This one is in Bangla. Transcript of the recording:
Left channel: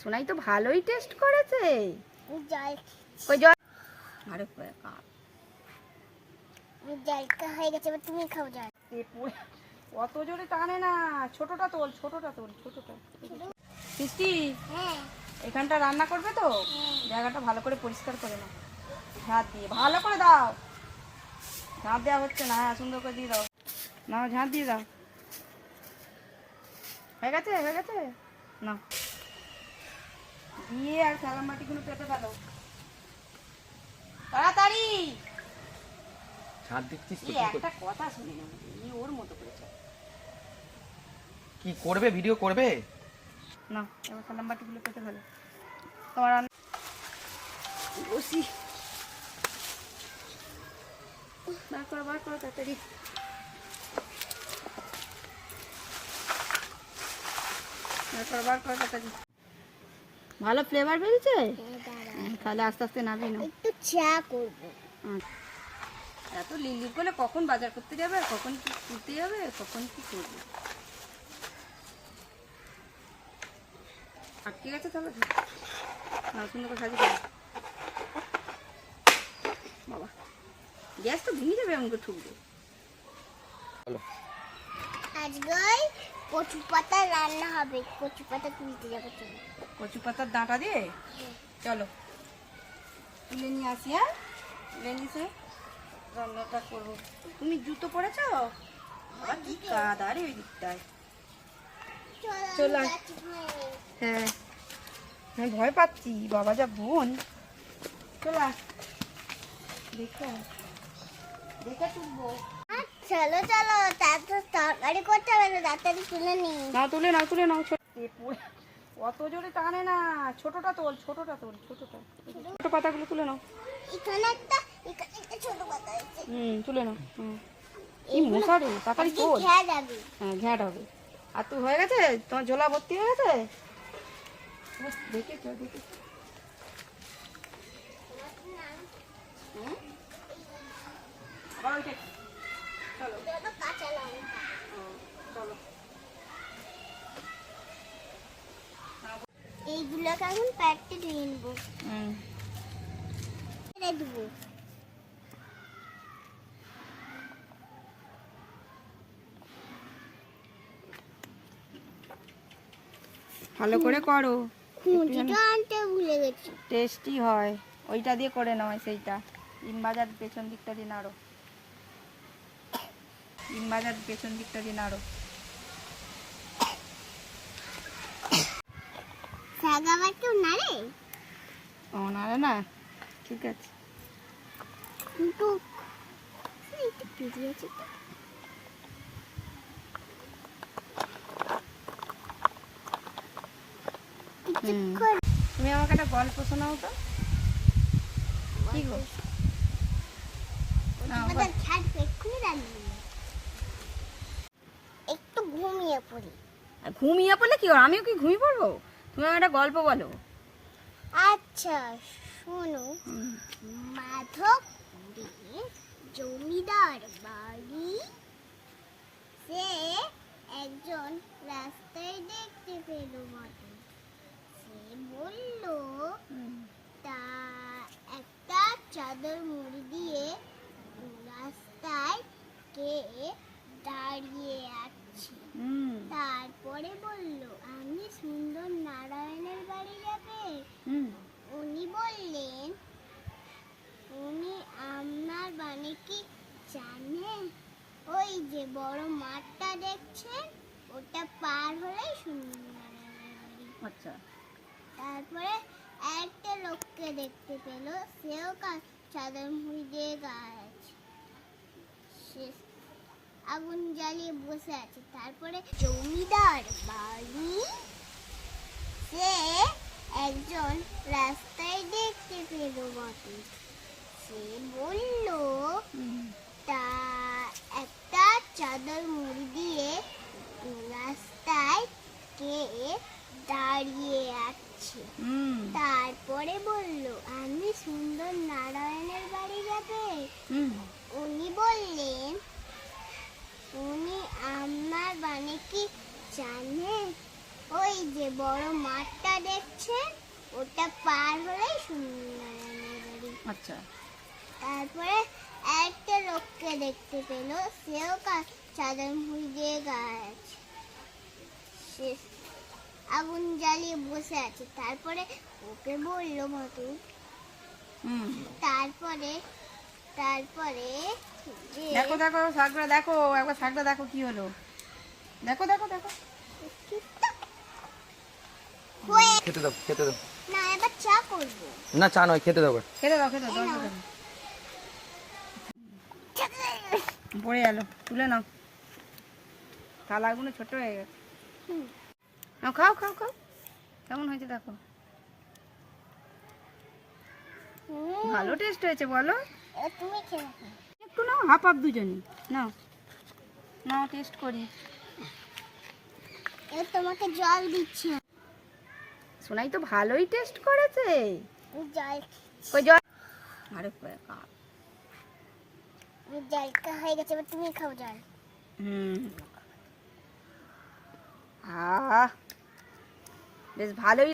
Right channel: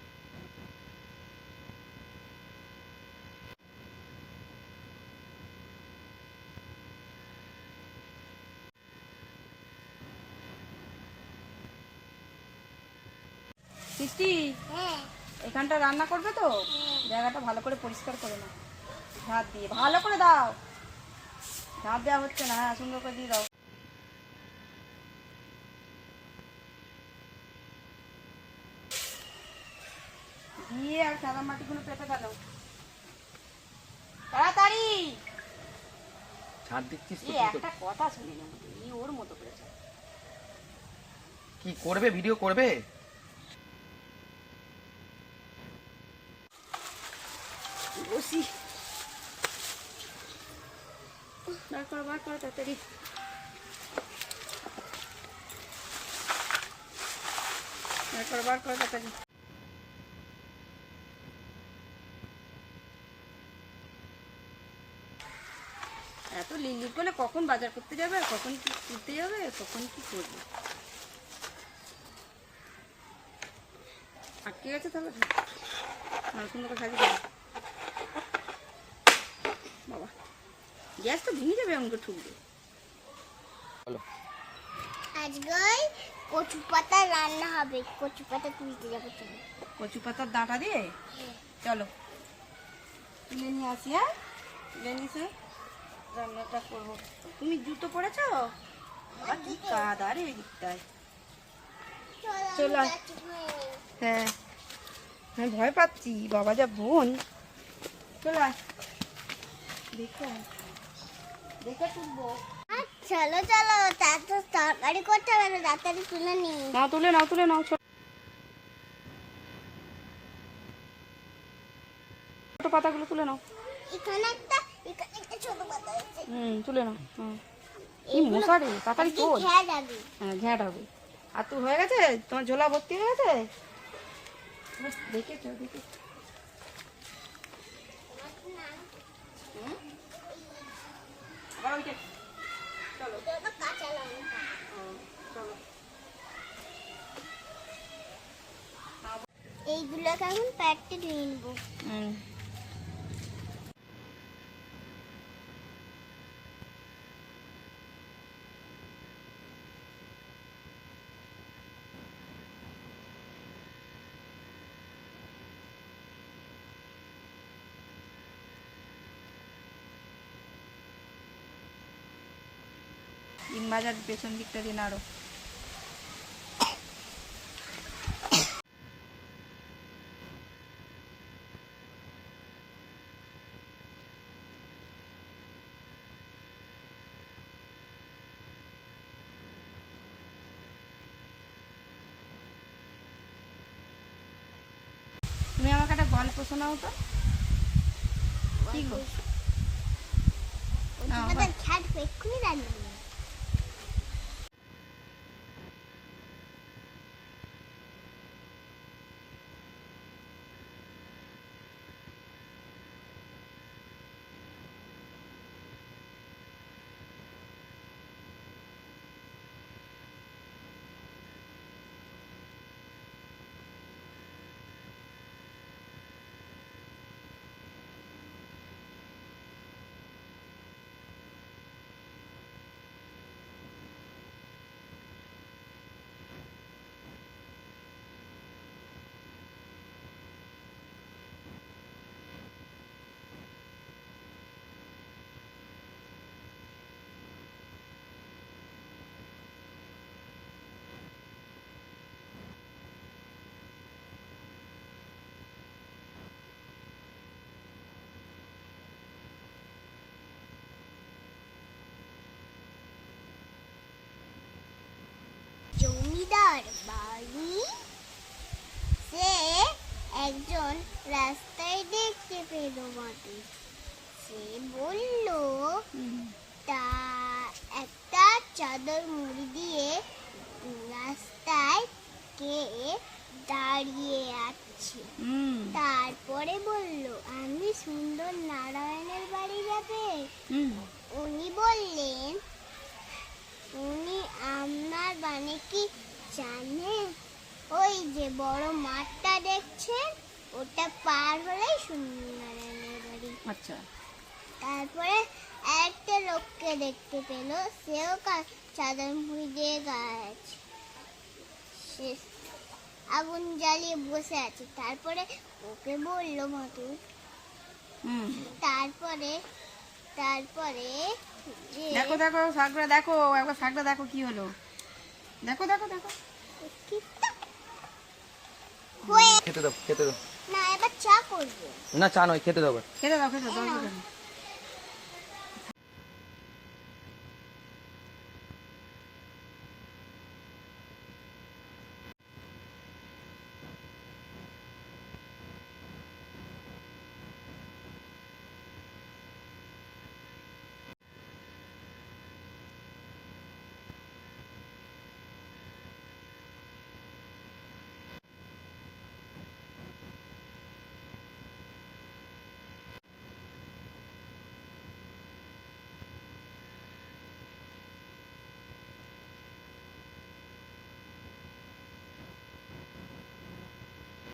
সোনাই তো ভালোই টেস্ট করেছে। জল ওই জল আরে জলটা হয়ে গেছে, এবার তুমি খাও জল। অত জোরে টানে না, ছোটটা তোল, ছোটটা তোল, ছোটটা। মিষ্টি, হ্যাঁ এখানটা রান্না করবে তো, হ্যাঁ। জায়গাটা ভালো করে পরিষ্কার করে নাও, ঝাঁট দিয়ে ভালো করে দাও। ঝাঁট দেওয়া হচ্ছে না, হ্যাঁ সুন্দর করে দিয়ে দাও, নাও ঝাঁট দিয়ে দাও। হয়ে গেছে, হয়ে গেছে না, দিয়ে আর সাদা মাটিগুলো পেতে দাও তাড়াতাড়ি। ছাড় দিচ্ছিস তো, এই একটা কথা শুনি না, এই ওর মতো করেছে কি করবে? ভিডিও করবে না, এবার সাদা মাটিগুলো পেতে ফেলো তোমার। বসি বার করো, বার করো তাড়াতাড়ি। বার করো, বার করো তাড়াতাড়ি। ভালো ফ্লেভার বেরিয়েছে, তাহলে আস্তে আস্তে নাবি না। একটু চা করবো। এত লিলি করলে কখন বাজার করতে যাবে, আর কখন কি করতে যাবে, কখন কি করবে, আটকে গেছে তাহলে না, সুন্দর করে সাজিয়ে দেবে। বাবা গ্যাস তো ভেঙে যাবে, আমাকে ঠুকবে। আজকে কচু পাতা রান্না হবে, কচু পাতা তুলতে যাবো, চলো। কচু পাতার ডাঁটা দিয়ে চলো তুলে নিয়ে আসি। হ্যাঁ তুলে নিয়ে রান্নাটা করবো। তুমি জুতো পরেছ? আবার কি কাদা রে ওই দিকটায়। চলো আয়। হ্যাঁ আমি ভয় পাচ্ছি, বাবা যা বোন। চলে আস, দেখো দেখে তুলবো। চলো চলো, তারপর তরকারি করতে হবে না, তাড়াতাড়ি তুলে নি। নাও তুলে নাও, তুলে নাও। অত জোরে টানে না, ছোটটা তোল, ছোটটা তোল, ছোটটা। ছোট পাতাগুলো তুলে নাও। এখানে একটা ছোট পাতা আছে। তুলে নাও। এই মশারে তাড়াতাড়ি তোল। ঘ্যা যাবে। হ্যাঁ ঘ্যাট হবে। আর তুই হয়ে গেছে, তোমার ঝোলা ভর্তি হয়ে গেছে। দেখেছো দেখেছো। আবার ওইটা চলো এটা কাঁচা লঙ্কা। চলো। এইগুলোকে এখন প্যাকেটে নিয়ে নেবো, দেবো। ভালো করে করো, খুঁজিটা আনতে ভুলে গেছি। টেস্টি হয়। ওইটা দিয়ে করে নাও, সেইটা ডিম ভাজার পেছন দিকটা দিয়ে নাড়ো, ডিম ভাজার পেছন দিকটা দিয়ে নাড়ো। শাক আবার কেউ নাড়ে? ও নাড়ে না, ঠিক আছে। কিন্তু একটু পেঁচে আছে তো। তুমি আমাকে একটা গল্প শোনাও তো। কি গো? একটু ঘুমিয়ে পড়ি। ঘুমিয়ে পড়লে কি, আমিও কি ঘুমিয়ে পড়বো? তুমি আমাকে একটা গল্প বলো। আচ্ছা শোনো, মাধব জমিদার বাড়ি, সে একজন রাস্তায় দেখতে পেল মাধব। সে বলল, তা একটা চাদর মুড়ি দিয়ে রাস্তায় কে দাঁড়িয়ে আছে। তারপরে বলল, আমি সুন্দর নারায়ণের বাড়ি যাবে। উনি বললেন, উনি আপনার বাড়ি কি জানেন? ওই যে বড় মাঠটা দেখছেন, ওটা পার হলেই সুন্দর নারায়ণের বাড়ি। আচ্ছা। তারপরে একটা লোককে দেখতে পেল, সেও চাদর মুড়ি দিয়ে গায়ে আছে, সে আগুন জ্বালিয়ে বসে আছে। তারপরে জমিদার বাড়ি, সে একজন রাস্তায় দেখতে পেল বটে। সে বলল, তা একটা চাদর মুড়ি দিয়ে রাস্তায় কে দাঁড়িয়ে আছে। তারপরে বলল, আমি সুন্দর নারায়ণের বাড়ি যাবে। উনি বললেন, উনি আপনার বাড়ি কি জানেন? ওই যে বড় মাঠটা দেখছেন, আছে, ওটা পার হলেই সুন্দরের বাড়ি। আচ্ছা। তারপরে একটা লোককে দেখতে পেল, সেও চাদর মুড়ি দিয়ে গায়ে আছে, সে আগুন জ্বালিয়ে বসে আছে। তারপরে ওকে বলল মধু, হুম। তারপরে তারপরে যে দেখো দেখো শাকটা দেখো, একবার শাকটা দেখো কি হলো। দেখো দেখো দেখো। ঠিকটা হয়ে খেতে দাও, খেতে দাও। না, এবার চা করবো। না, চা নয়, খেতে দাও। খেতে দাও খেতে দাও, খেতে দাও। পড়ে গেল, তুলে নাও। তালাগুলো ছোট হয়ে গেছে। নাও, খাও খাও খাও। কেমন হয়েছে দেখো। ভালো টেস্ট হয়েছে বলো। তুমি খেয়ে নাও। একটু নাও, হাফ হাফ দুজনই নাও। নাও টেস্ট করি। এবার তোমাকে জল দিচ্ছি। সোনাই তো ভালোই টেস্ট করেছে। জল কই জল? আরে বাবা। জলটা হয়ে গেছে, এবার তুমি খাও জল। হুম। আহ, বেশ ভালোই।